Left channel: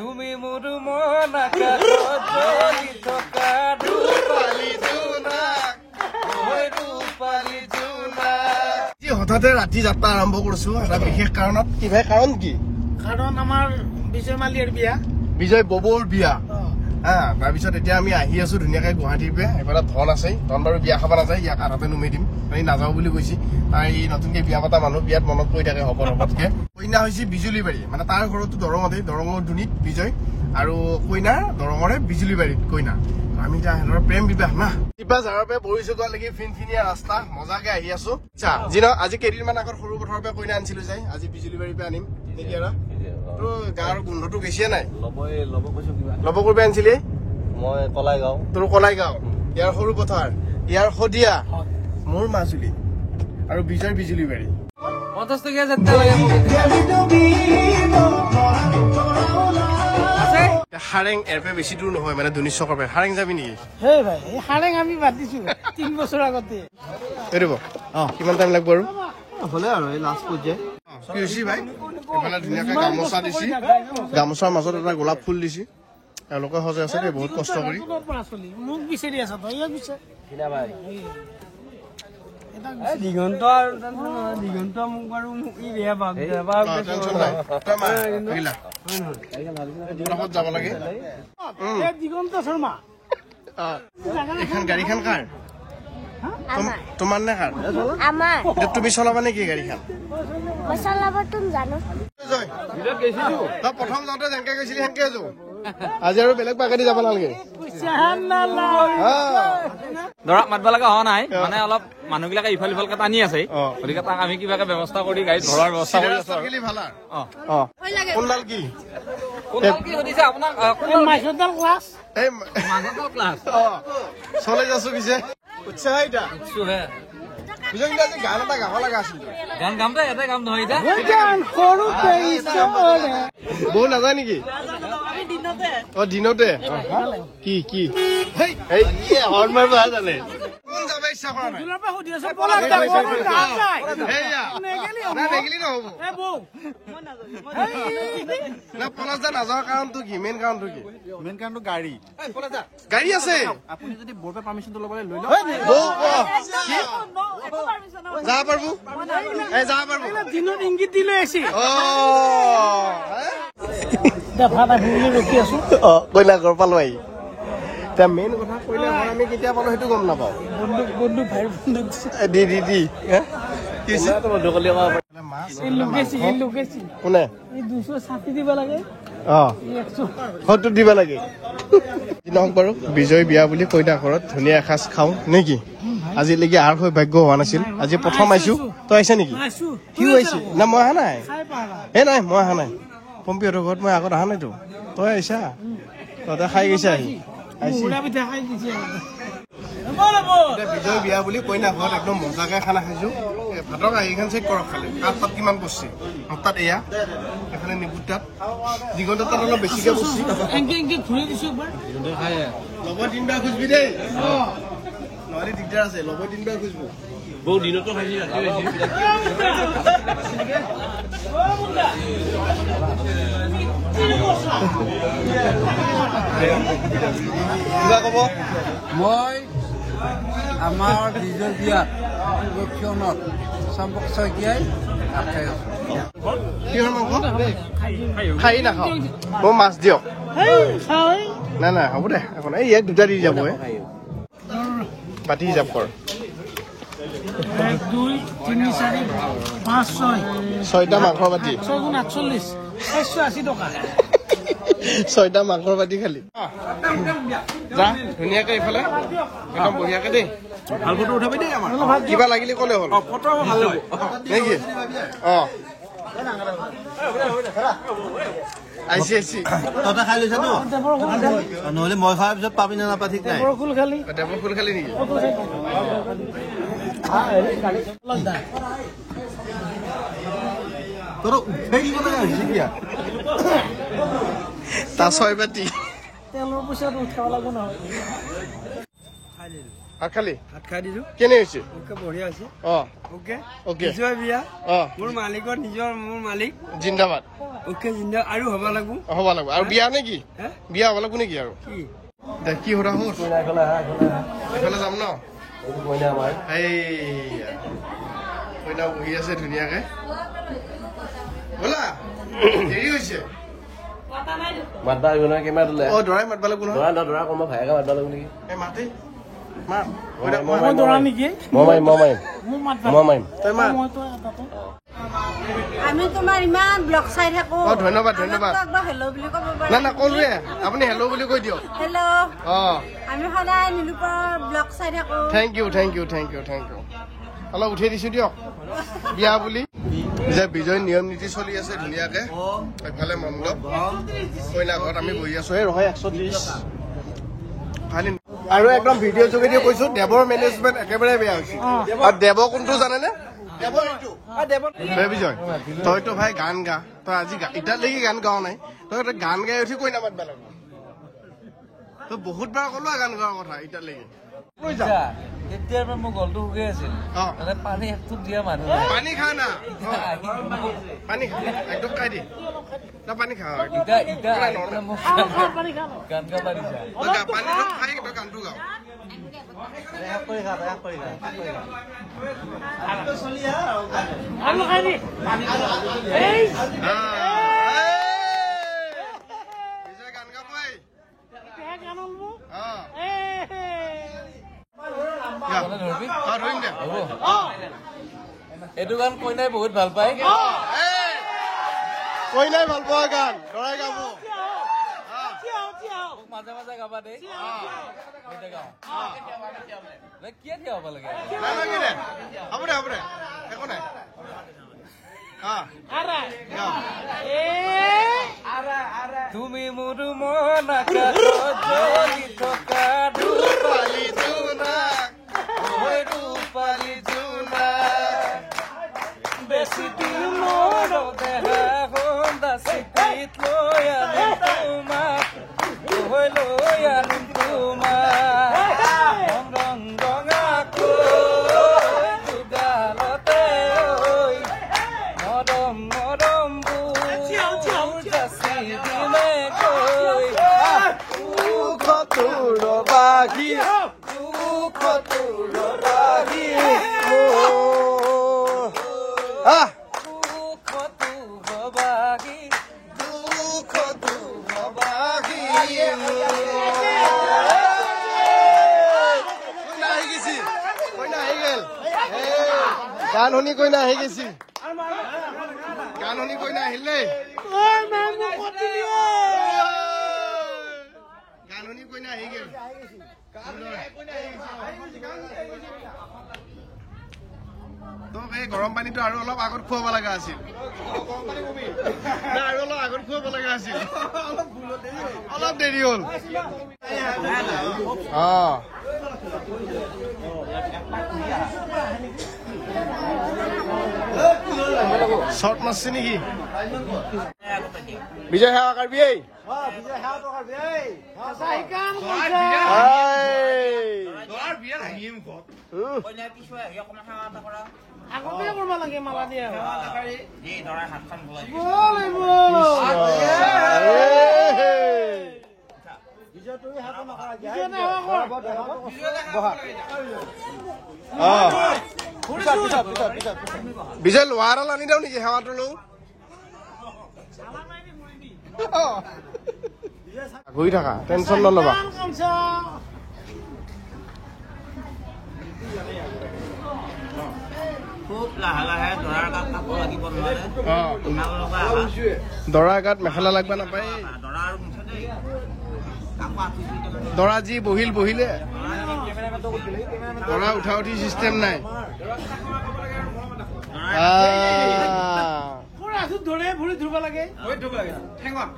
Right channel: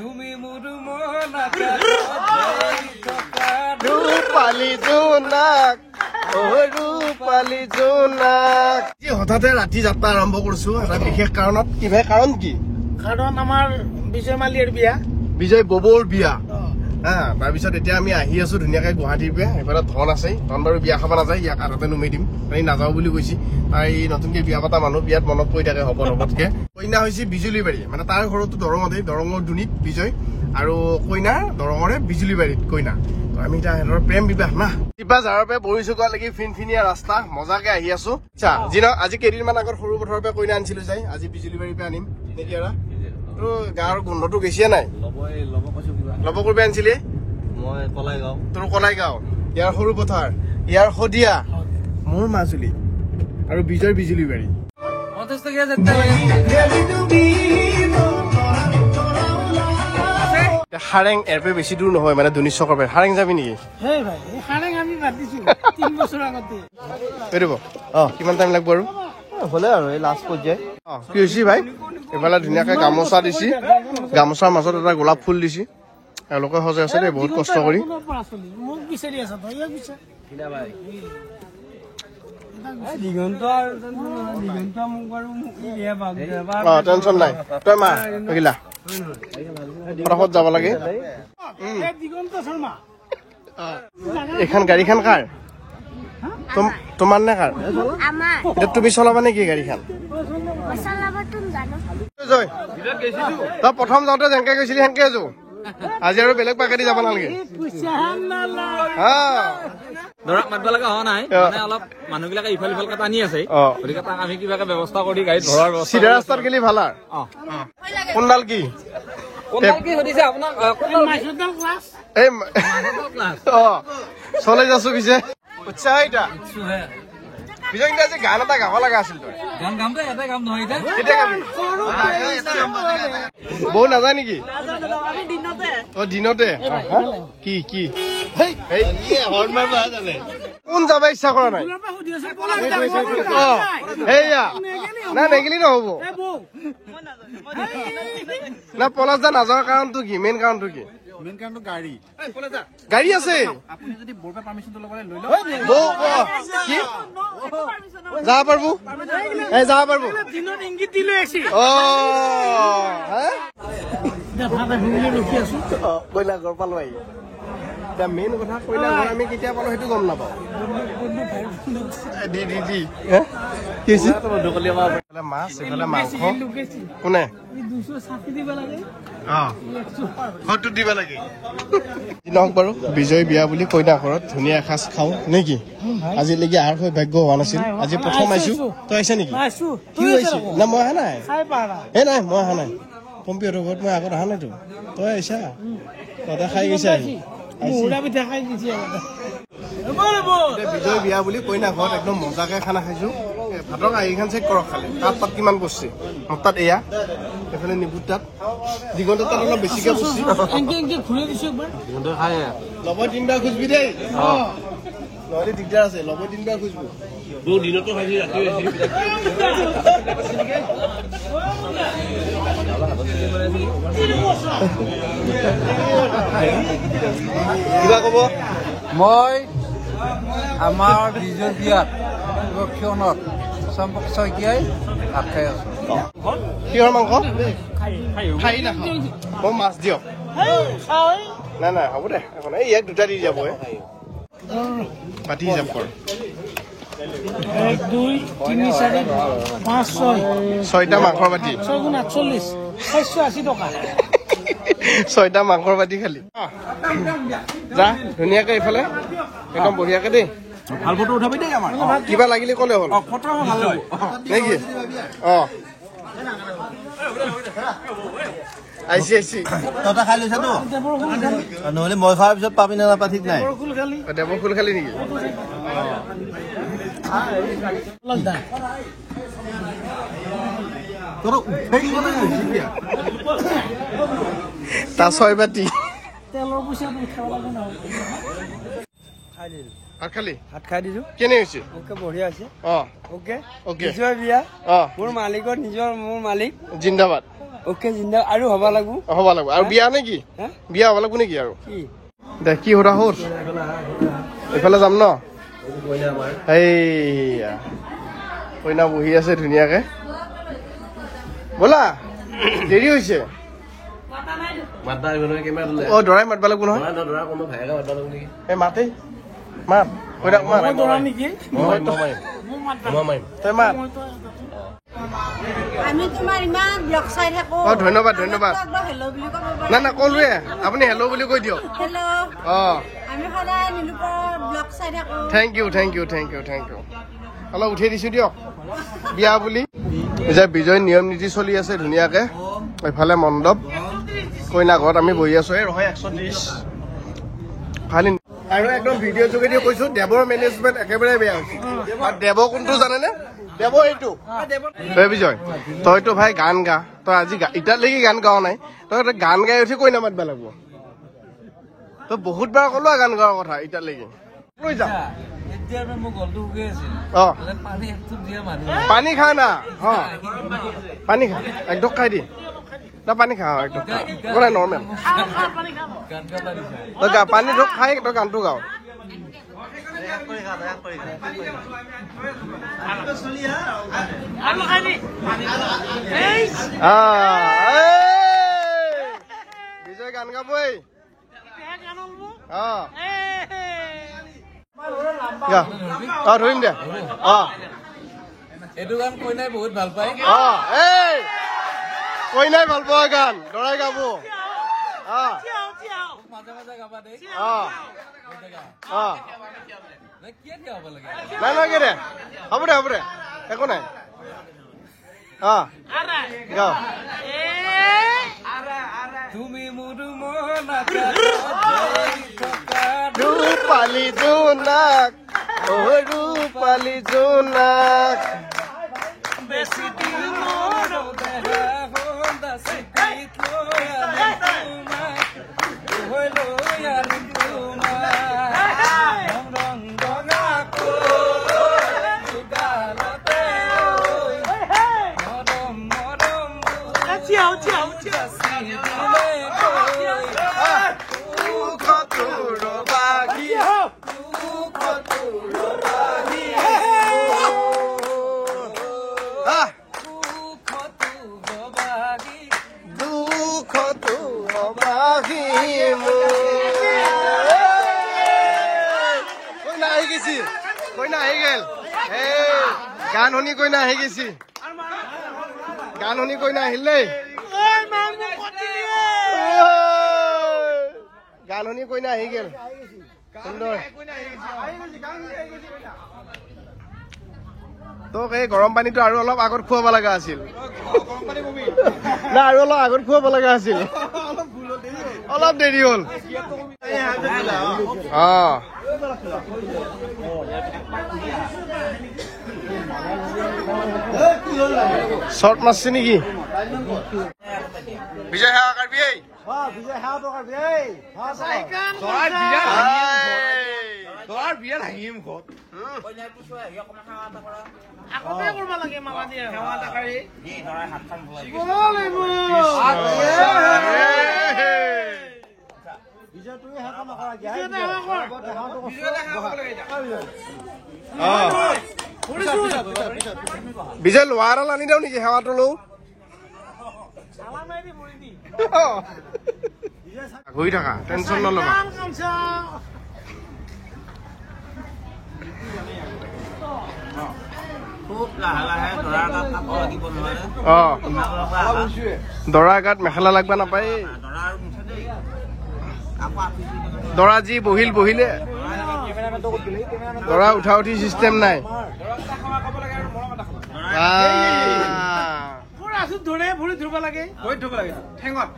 তুমি মোৰ মন আকাশত ধৰি থকা ৰূপালী জোনাক ৰূপালী জোনাক। হঠাতে ৰাতি যাত্ৰা আৰম্ভ কৰিছো এটা বিশেষ কাৰণত। কি ভাই কাৰণ কি? কাৰণ আমাৰ বিজয় মালিয়াৰ বিয়া, বিজয় ববৰ বিয়া। তাৰপিছত এতিয়া আমি আহি আছো ধুনীয়াকে গুৱাহাটীৰ পৰা। এইফালে ধন আছে, ধন বাৰু বিয়া খাব নাযায়, ইয়াক আধাতে নুমি দিম। তাই নাযাওঁ বুলি কৈছে। তাই নতুনকে বিয়া পতা মানুহ, বিয়াত মনত পৰি থাকে হব হবতকে। কইনা হৈছে বিজুলীবাৰী, মানে তাৰ ঘৰতো দৰঙতে, দৰঙৰ দুনিত বিজয়, আৰু কইনাৰ দৰঙৰে বিজুলীবাৰীত কইনা। আমি এতিয়া সিহঁতৰ প্ৰেম বিবাহ না। কিবা যাৰৰ পৰা বহিছো লাগি ফিনফিনীয়া ৰাস্তা, মজাকে আহি আছো। আচ্ছা যি ন, আজি কেইদিনমান আগত সৰু পথাৰৰ পৰা কইনা আনিছিলো, যাই আজি বিজুলীবাৰীৰ পৰা আনিম। গাঁৱৰ গোন্ধটো বেছিয়ে নাই। লব কৰিব আনিছিলি? মই কলাই গাঁও। তোৰ কলাই গাঁও, ইয়াৰ সৰু পথাৰ, ইয়াৰ শদিয়া, মোৰ মাজুলী, আৰু বিজয় বিজুলীবাৰী। 50 টকীয়া যাত্ৰা হাৰেং এৰ পৰা বেছি দূৰ নহয়, মানে দুনি চকৰ পৰা। হাৰেং যাবি নেকি? হেই ভাই হাৰেং আমি বাদ দিছো 3 বছৰ আগতে। কিমান টাইম লাগব আৰু? হলে আৰু এই লাষ্ট পৰ্যায়। কি হৈছে ভাই? এইফালে ধুনীয়াকে গামোচা দিছি, গামোচাৰ মাজত এটা গোলাপ ফুল দিছি। এওঁলোকে সজাই আছে দেই, বহুত কষ্ট কৰি। মোক বিচাৰি আছা তই? দিগন্ত দিগন্ত মোক বাৰু টেনচন নাই, তই মা গিলা ফটাফট যাব লাগে। দিগন্ত শৰ্মা। এইখন গাড়ীখন কাৰ? তোমাৰ নে কাৰ? এতিয়া তুমি চলাবা নেকি গাড়ীখন? তই প্ৰথম যাওঁতে যেনেকে গৈছিলি সেনেকে আছো। আজি আৰু বেলেগ পাকেদি যাব নালাগে। দৰাক মাতিব লগা হোৱা নাই, মানে অলপ মানুহবিলাকে ইফাল সিফাল টানি আছে, গতিকে তাক আমি কিবাকে ব্যৱস্থা কৰি গাড়ীত ভৰাৰ ব্যৱস্থা। চিধা ৰাস্তাত গেলি ভাল আৰু। কোনডাল কি চলে যাছো পিছে উৎসাহ এটা পিছে কিন্তু আজি গান এটা গাব লগা আছিল। তই গান গামটো এটা কাম নহয়, বৌ নাযায় নেকি? দিনতে কি কি কোন যাব ইচ্ছা কৰা নাই? সেয়া না নেগিলি নহব না। পলাশ দা নাযাৱাৰ কাৰণটো কি? মেইন কাৰণটো কি? মেইন কাৰণটো গাড়ী গাড়ী আছে। আপুনি যদি বৰ্ডৰ পাৰ্মিশনটো ল'বলৈ লৈ লওক। কি যাব পাৰবো? যাব পাৰবো? ইংগিত দিলে আছি কইনা ঘৰ পালো আহি। এতিয়া মেইন কথা কইনা ঘৰ আমি কেতিয়া পালো সেইটো গম নাপাওঁ। মাছ এইফালে মাংস। কোনে দিব লাগে? হয়তো দিব লাগে। নহওক বাৰু, বিজয় বিয়া বুলি কইনা ঘৰত ধুনীয়া এসাঁজ খাওঁ নেকি? আজিলৈকে আৰ হৈ ভাগ্য হোৱা নাছিল, আজি প্ৰথম আহিছো। তই আহিছা নেকি? সিও আহিছে না? মই অহা নাই। নাই মই অহা নাই। পম্পীহঁতৰ ঘৰত মই আগত অহা নাইতো। তই আহিছা, তহঁতে খাই গৈছা আহি। বিজয় বিয়া বুলি কইনা ঘৰত একদম মজাকে খানা খাইছো। ভাতৰ কাঁহীখন চেক কৰক খালি, কাঠ পাত কিমান কৰিছে। মোৰ তাত এয়া, এইফালে নিবুত তাত, দিগন্ত তাত অলপ বেছিকে বসছি। লব 3বাৰ খুজবি দেই, নহলে দিগদাৰ আছে। লব 3বাৰ খুজবি। বহু দিনতো খাইছি, ৰাতি কিবা কব? মই আমাৰ বিজয় বিয়াত চম্পক শইকীয়াই ভাত খাই আছো। কিহৰ মাংস? খাই নাখাওঁ, মোৰ মাছ দিয়ক। নাই নাই হ'ব দে, এই দুটা দি যাব। পাতি হিচাপ কৰ। 1 2 3 4 5 6 6টা মাংসৰ বাতি, 6 × 48 680 টকা। 6টা মাংসৰ বাতি খালি। যা ধুনীয়াকে এইফালে একদম বঢ়িয়াকে দেই। ভাল ফটো উঠাবি দেই আমাৰ। কিবা লাগিলে ক'লে হ'ল নেকি? আহিছি তহঁতে খাই লৈছাতো, নহলে মই খোৱাৰ পিছত পাবি নে নাপা ঠিক নাই। দেৱৰ ফুল খালি নেকি? তাৰ 6 বাতি তেলৰ পইচাটো উঠাব লাগিব নহয়। ভাত খালি? ভাত খাই দিছো। কেনে হৈছে? বঢ়িয়া আছে। অকে বিজয় বিয়া, মোৰ মালিকৰ নিজৰ, মোৰ মালিক জিন্দাবাদ। ওকে জিন্দা আৰু হ'ব লাগব হ'ব লাগিব আৰু বিয়া নে কি বিয়া হ'ব লাগিব নেকি আৰু দে কি সুধা হ'ল এইফালে যাম ন এইয়া কইনা বহি আছে ধুনীয়াকে ব'লা দেৰি হৈছে অ দৰাই মাতিব লাগিব নহয় এই মাতে মাত কইনা মাত তই মাত আমি তোমাৰ ইমান ব্লগ চাই থাকো অ ধন্যবাদ ধন্যবাদ হেল্ল' বুলি ক'ব পাৰে না না ক'লোৱে আপুনি হেল্ল' বুলি কৈ দিয়ক হেল্ল' অ আমি সদায় নিৰূপৰ ব্লগ চাই থাকো thank you thank you thank you thank you অলপ উঠাই দিছো দিয়ক বিয়া বুলি যে বিজয় নিয়ম নীতি চলি আছে ধুনীয়াকে এইফালে মণ্ডপ কইনা ঘৰত আমি বহি আছো এই ৰয় 130 খালি আৰু একদম ভিডিঅ' যোগেদি কৈছো দেৱৰ মেনেজমেণ্ট একেবাৰে বেয়া হৈছে আৰু দেৱ কোনটো জানেনে দেৱ এইটো তই বিজয় তইতো ভাই গান গা তই আজি এতিয়ালৈকে গান গাৱ নাই তই গান গাই উঠি কইনা মাতিব লাগিব তই বহুত বাৰ ক'লো গান গোৱাৰ কথা এতিয়ালৈকে লৈ যা পানী খা না পানী খা একদম খাই দি তই পানী খা একদম নাই নৰ্মেল তই গা পানী ধৰক খাই তই গানটো গাৱ বিজয় গান গাবই ধৰিম দে এইটো গান কইনাই বহুত ভাল পায় কইনাই ভাল পোৱা গান দৰাই গাব মাজে মাজে গাবা দেই নাই নাই কি দে হ'ব দে একো নাই তুমি মোৰ ৰূপালী জোনাক ৰূপালী জোনাক বেছি দিনৰ দেহা হন্দা চিটিত লৈ আনিম তোমাক ৰং ৰঙাকৈ গালতে মৰম মৰম দিলে কৈ দুখটোৰ বাগি কইনা আহি গেছি কইনা আহি গেল গান শুনি কইনা আহি গেছি গান শুনি কইনা আহিল দেই গান শুনি কইনা আহি গেল সুন্দৰ তোক এই গৰম পানীটো আৰু অলপ আগত খুৱাব লগা আছিল না আৰু অলপ আগত খুৱাব লগা আছিল অলপ দেৰি হ'ল শৰ্ট মাৰছে নেকি বিজয় সেৱা কাঢ়বি বিজয় লোহাৰাল আনি দিওঁ নেকি সেৱাটো লওঁ ঘূৰি থাকা টেনচন নল'বা দৰাৰ গাত মেখেলা লাগবা নাপায় দৰা যি বহিলে দৰা উঠা উঠি চিষ্টেম নাই ধৰে ভৰি ধুব লাগে ঠেঙত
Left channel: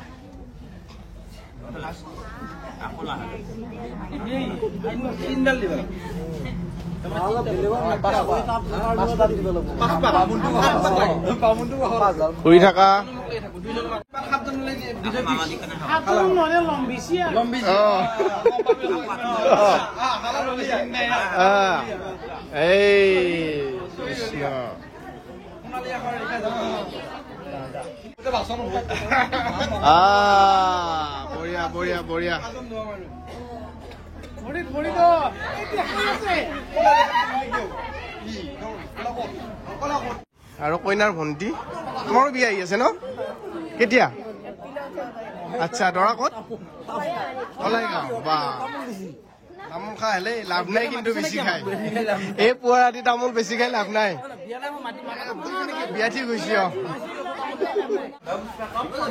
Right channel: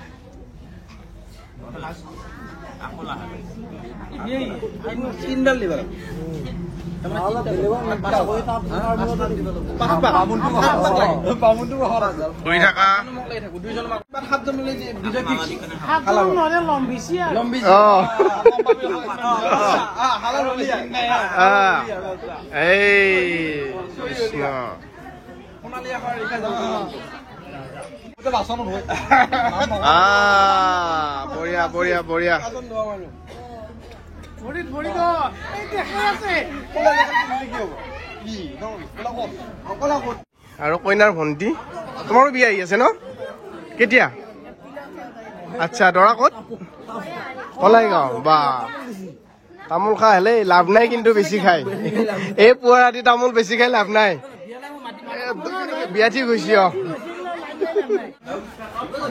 শুই থাকা এই কৃষ্ণ বঢ়িয়া বঢ়িয়া বঢ়িয়া ভৰিত ভৰি দ এই দেখাই আছে আৰু কইনাৰ ভণ্টি তোমাৰো বিয়া আহি আছে ন কেতিয়া আচ্ছা দৰা ক'ত কলাইগাঁও বা তামোল খাই হলে লাভ নাই কিন্তু বেছি খাই এই পুৱা ৰাতি তামোল বেছি খাই লাভ নাই বিয়া ঠিক হৈছে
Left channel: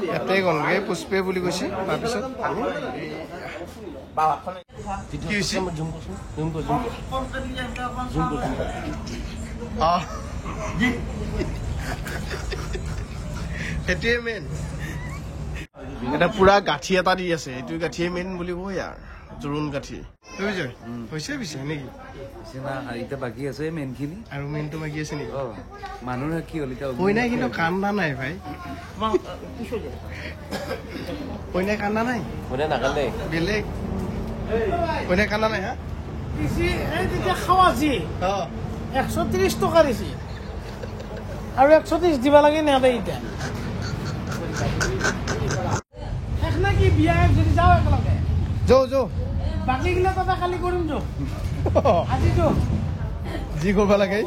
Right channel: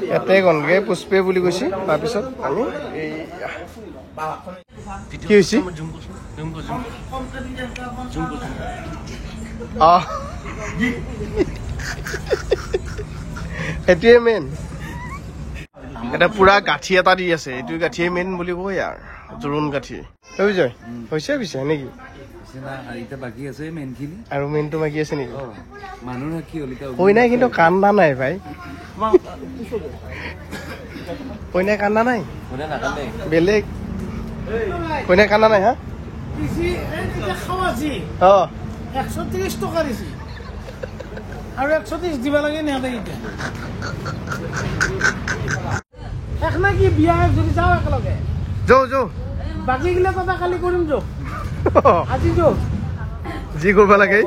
ইয়াতে গ'লগে পুষ্পে বুলি কৈছে তাৰপিছত আমি কি হৈছে এটোৱে মেইন এটা পুৰা গাঁঠি এটা দি আছে এইটো গাঁঠিয়ে মেইন বুলি কয় আৰু জোৰোণ গাঁঠি বিজয় হৈছে পিছে নেকি বাকী আছে মেইন খিনি আৰু মেইনটো বাকী আছে নেকি মানুহে কি হ'ল কইনাই কিন্তু কান্দা নাই ভাই কইনাই কান্দা নাই বেলেগ কইনাই কান্দা নাই হা খাৱা যি 130 টকা দিছি আৰু 130 দিব লাগে নেদে এতিয়া এখন কি বিয়া যদি যাওঁ একেলগে যৌ বাকী গিলা কথা কালি কৰিম যৌ আজি যৌ যি কৰিব লাগে